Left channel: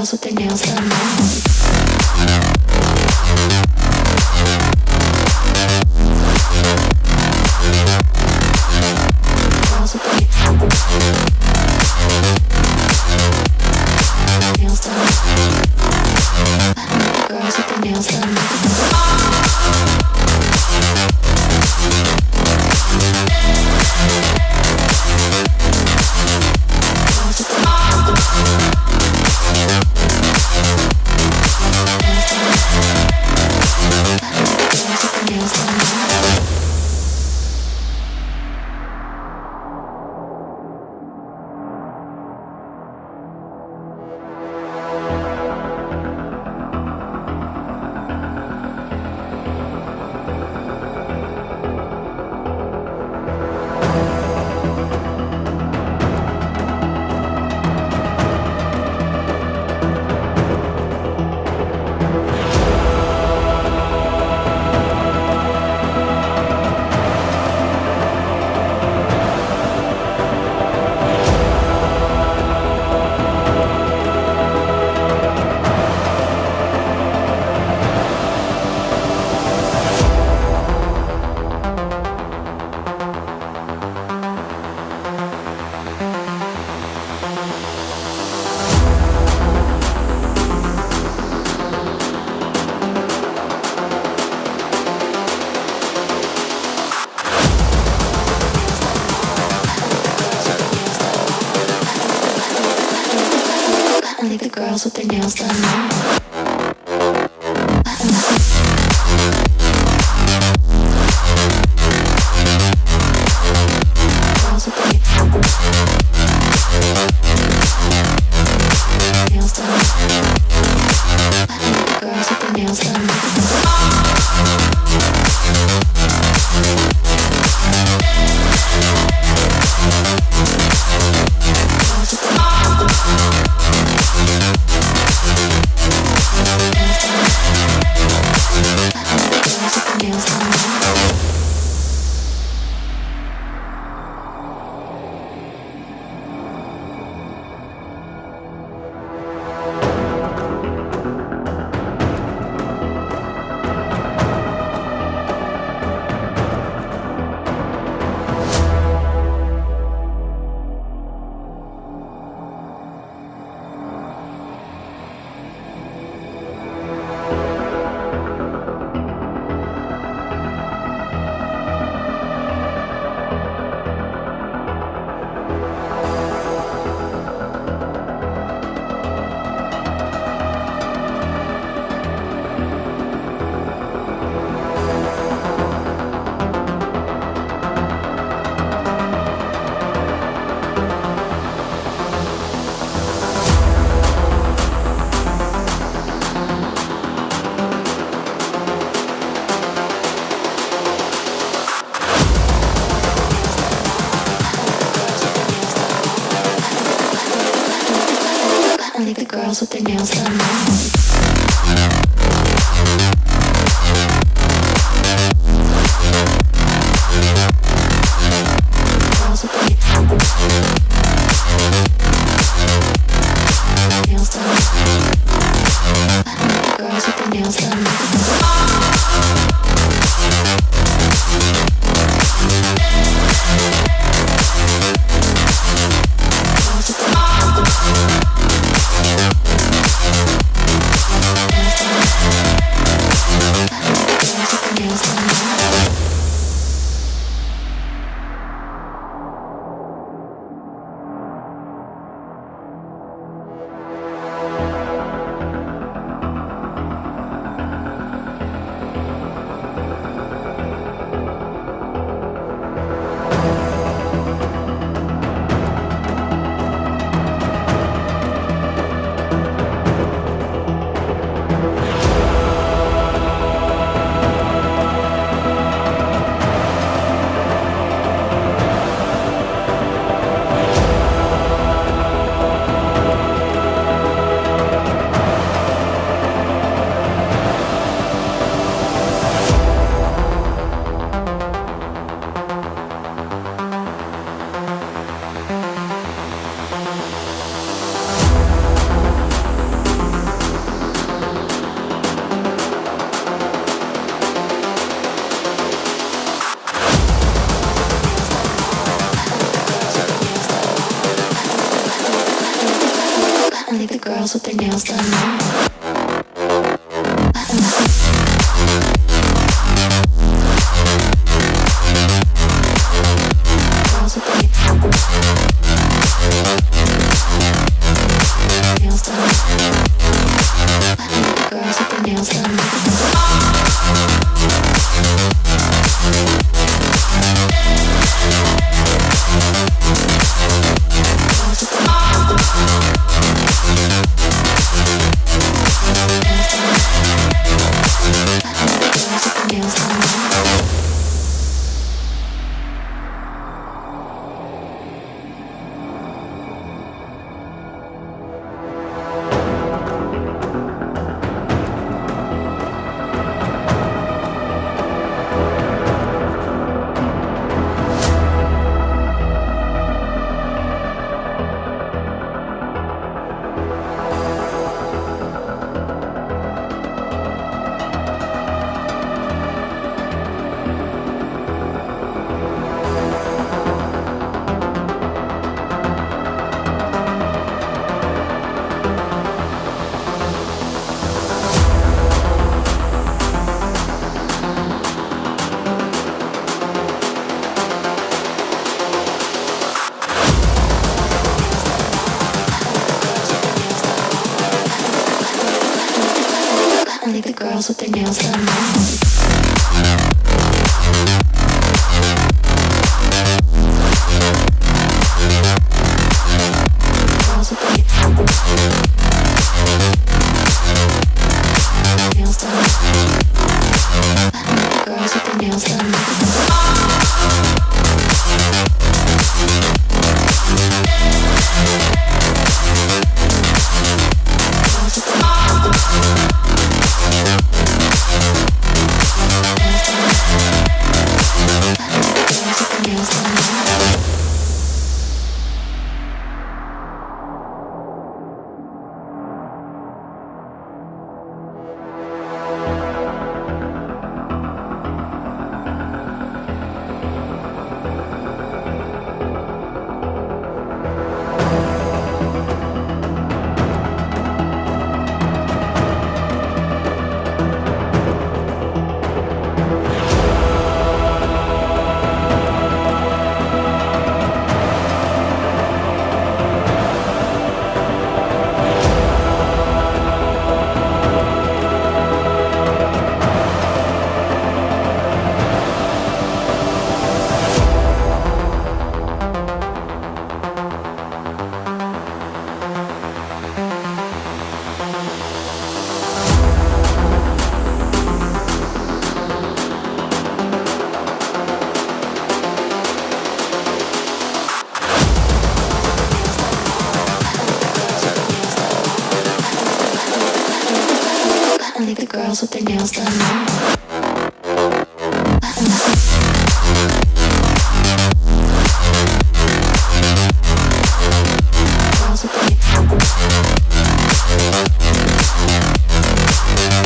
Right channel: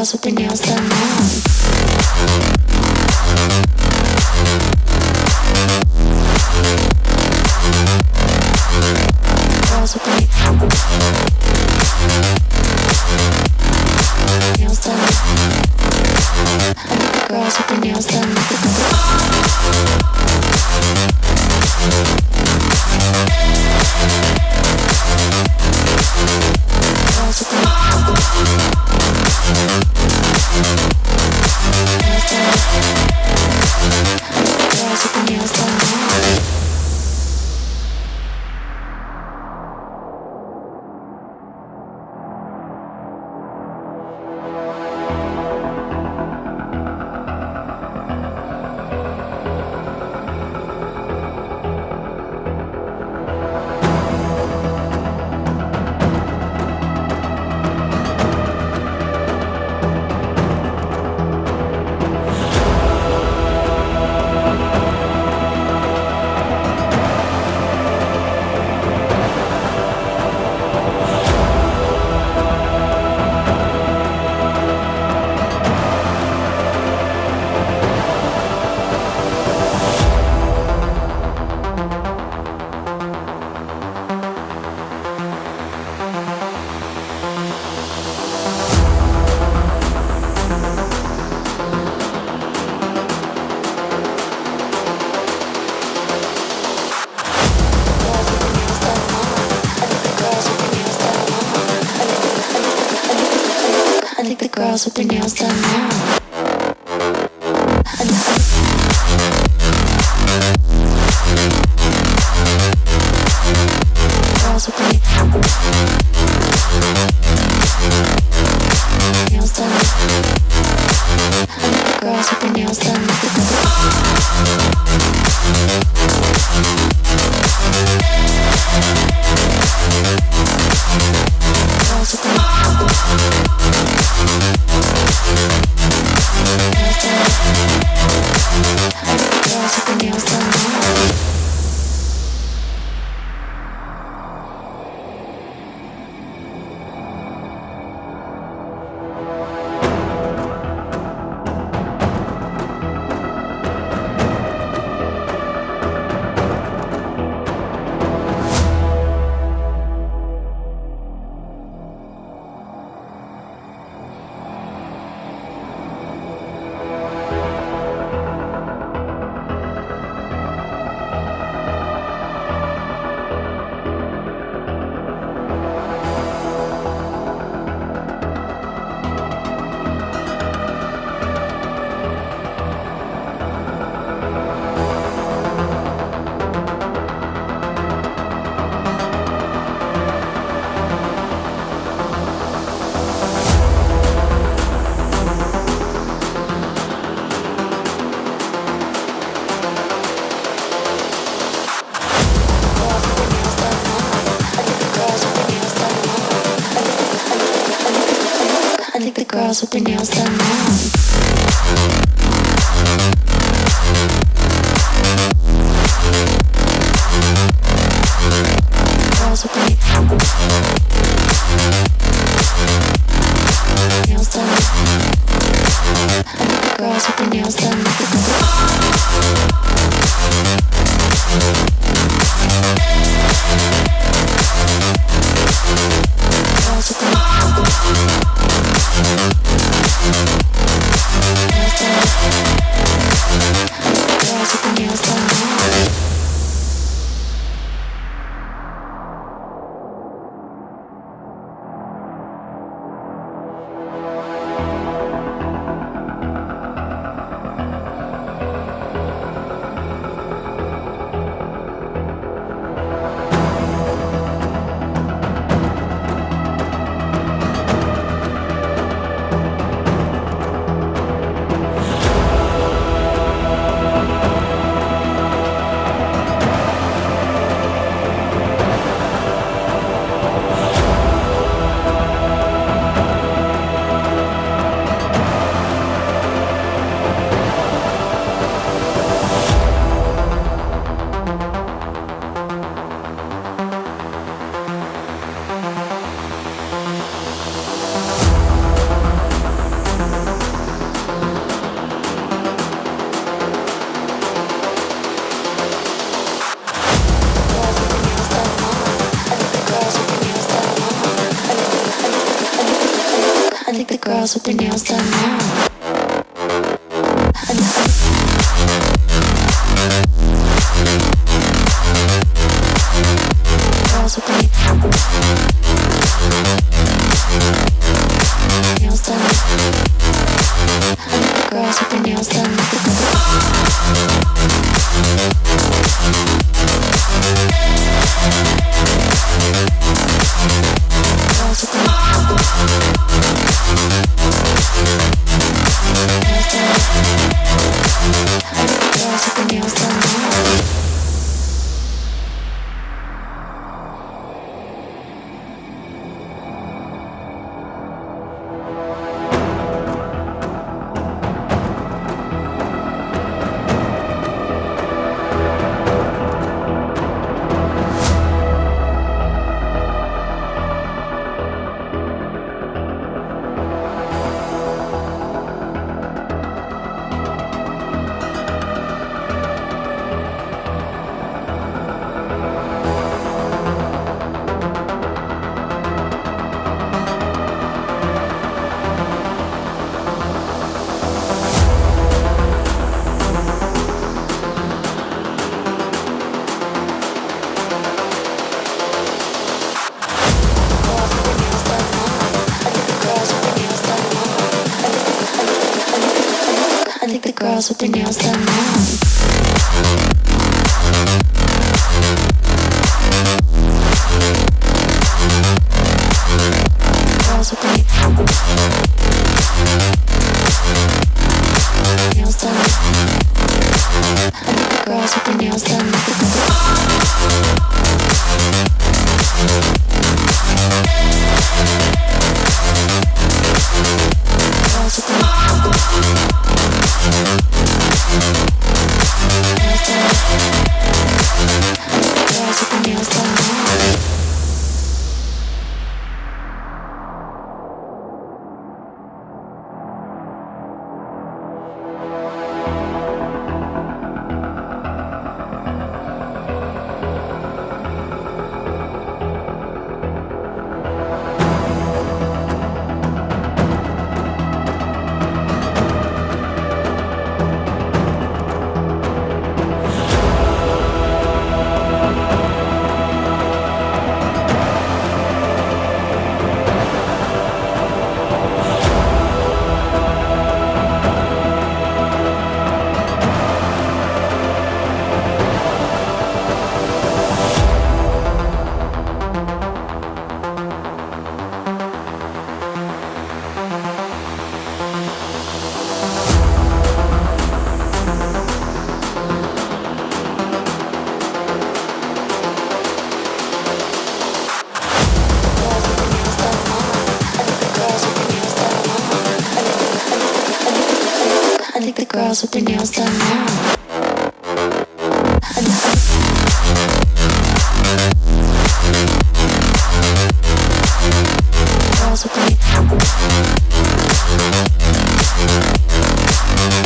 girls with their nails done now. Girls with their nails done. Girls with their nails done. Girls with their nails done now. Girls with their nails done. Girls with their nails done. Girls with their nails done now. Girls with their nails done now. Girls with their nails done. Girls with their nails done. Girls with their girls with their nails done now. Girls with their nails done. Girls with their nails done. Girls with their nails done. Girls with their nails done now. Girls with their nails done. Girls with their nails done. Girls with their nails done. Girls with their nails done now. Girls with their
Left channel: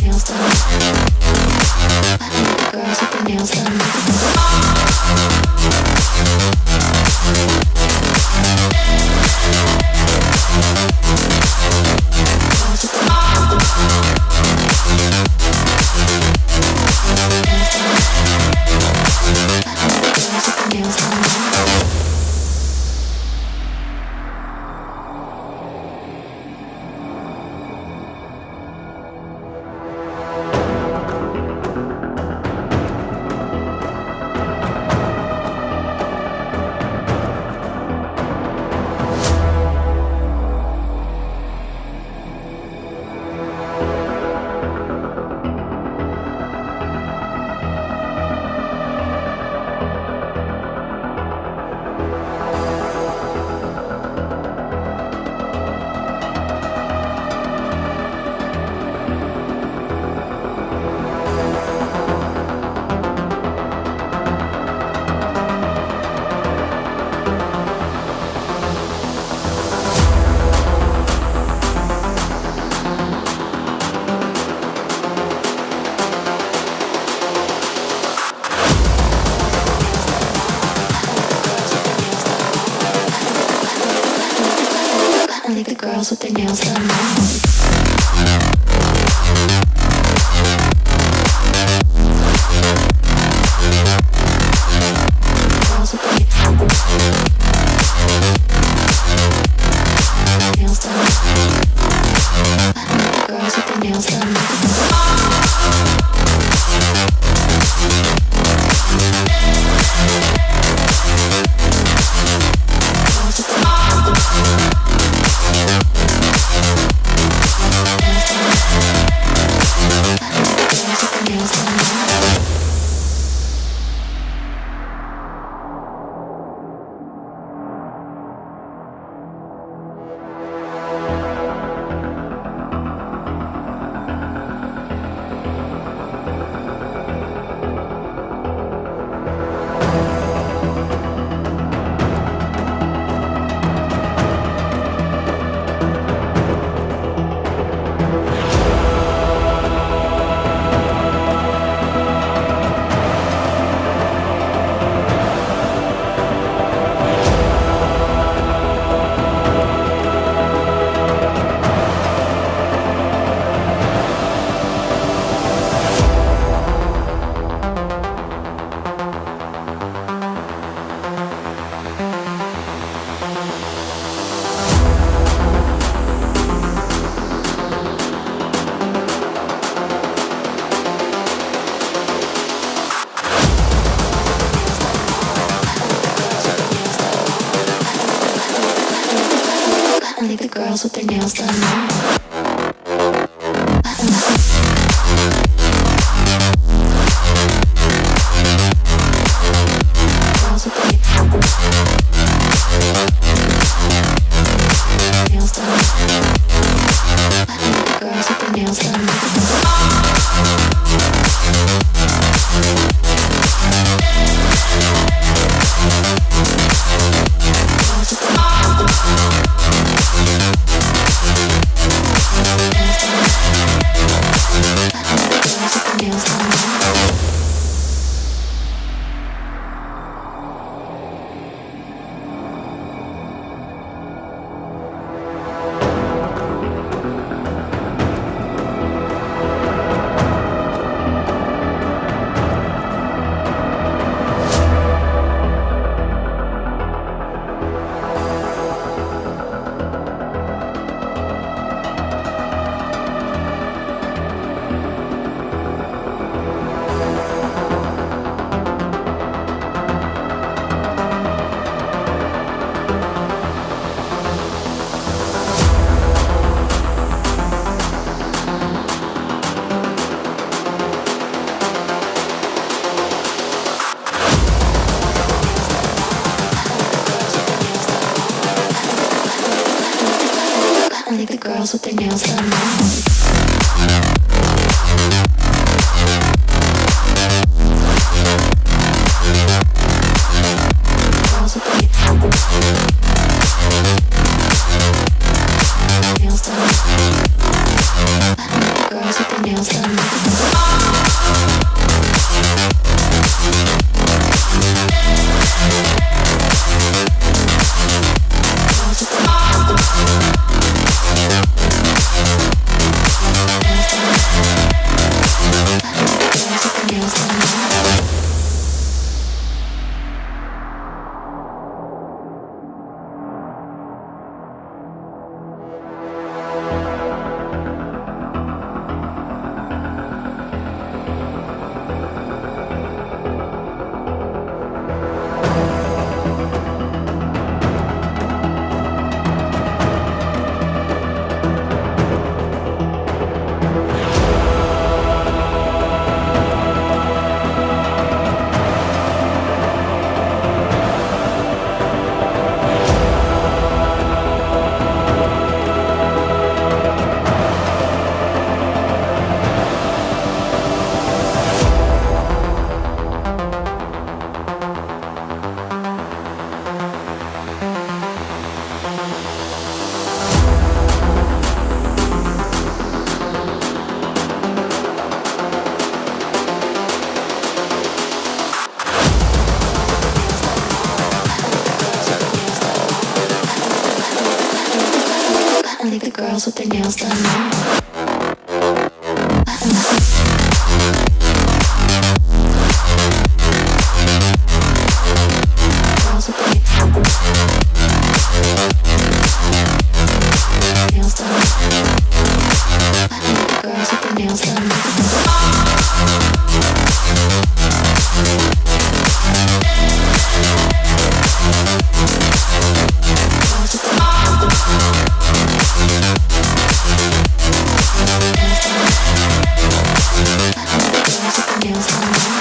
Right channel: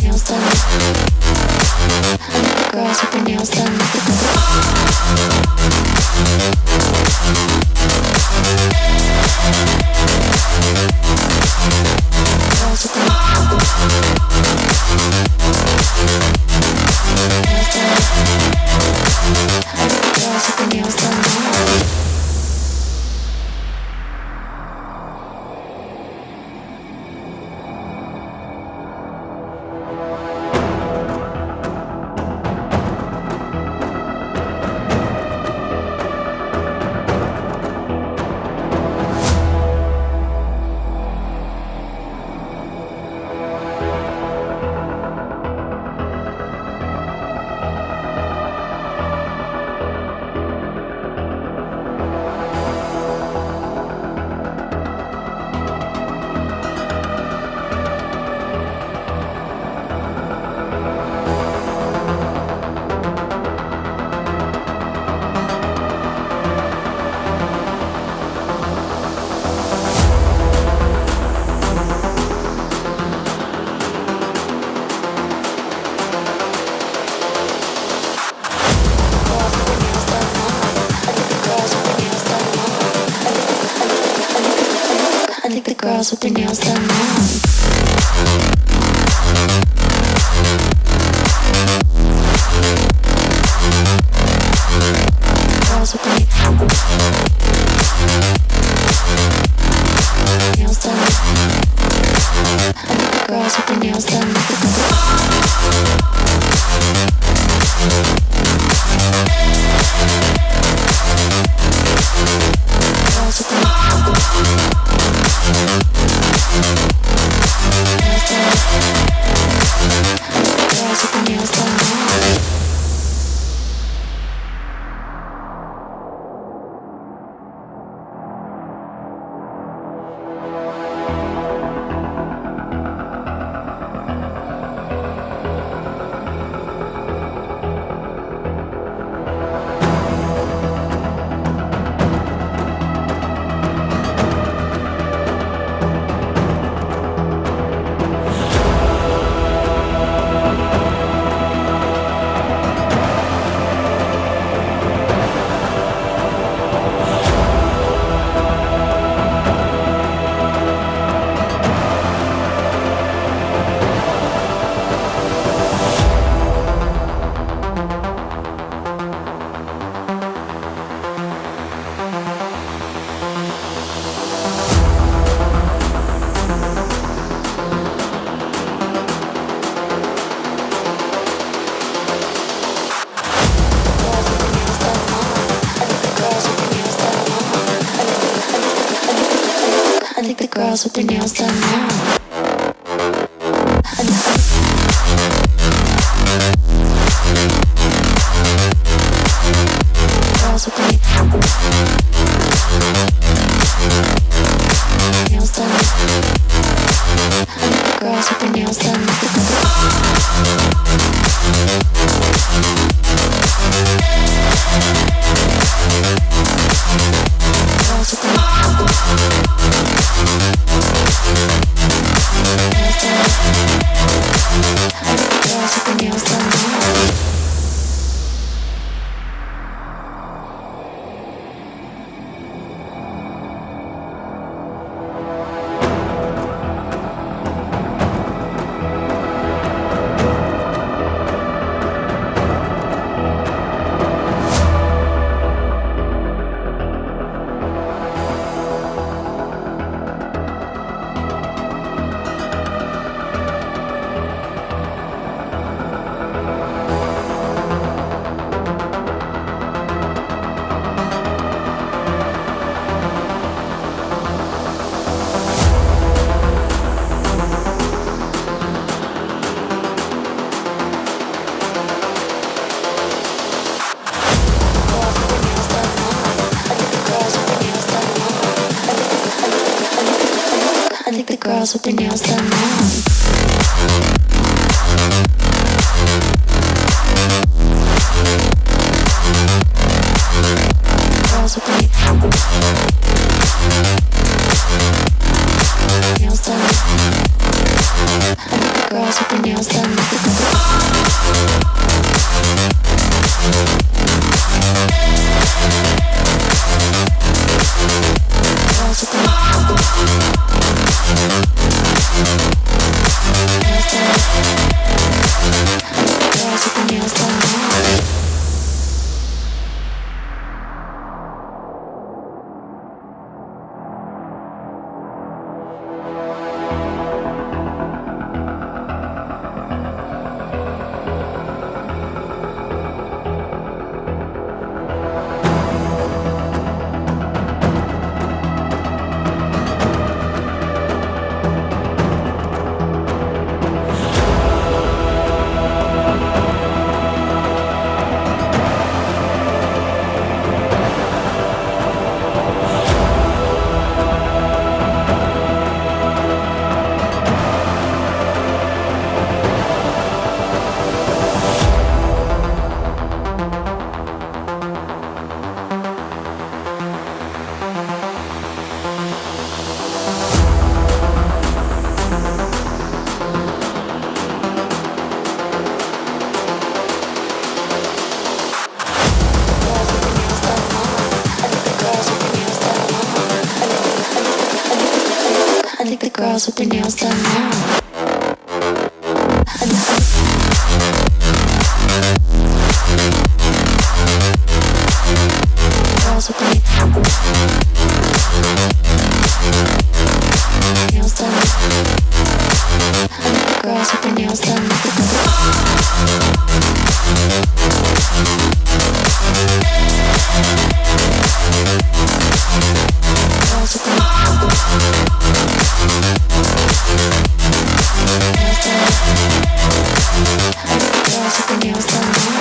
nails done. Girls with their nails done. Girls with their nails done now. girls with their nails done now. girls with their nails done now. Girls with their nails done. Girls with their nails done. Girls with their nails done. Girls with their nails done now. Girls with their nails done. Girls with their nails done. Girls with their nails done. I think the girls with their nails done now. Girls with their nails done. I think the girls with their nails done. Girls with their nails done now.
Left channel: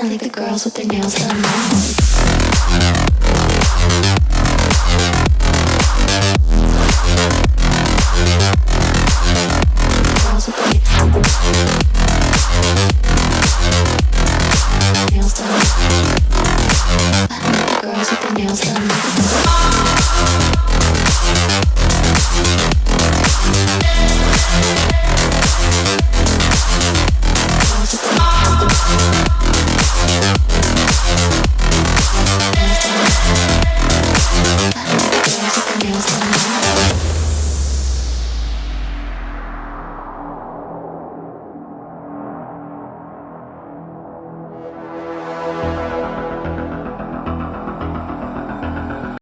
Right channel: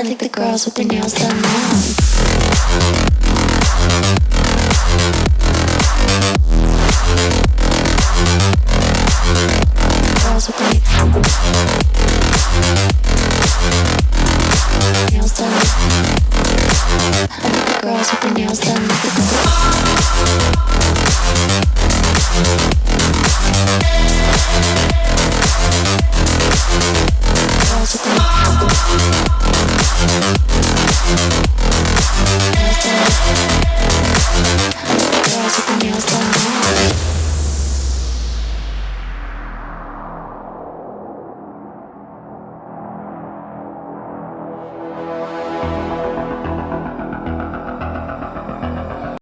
I think the girls with their nails done now. Girls with their nails done. Girls with their nails done.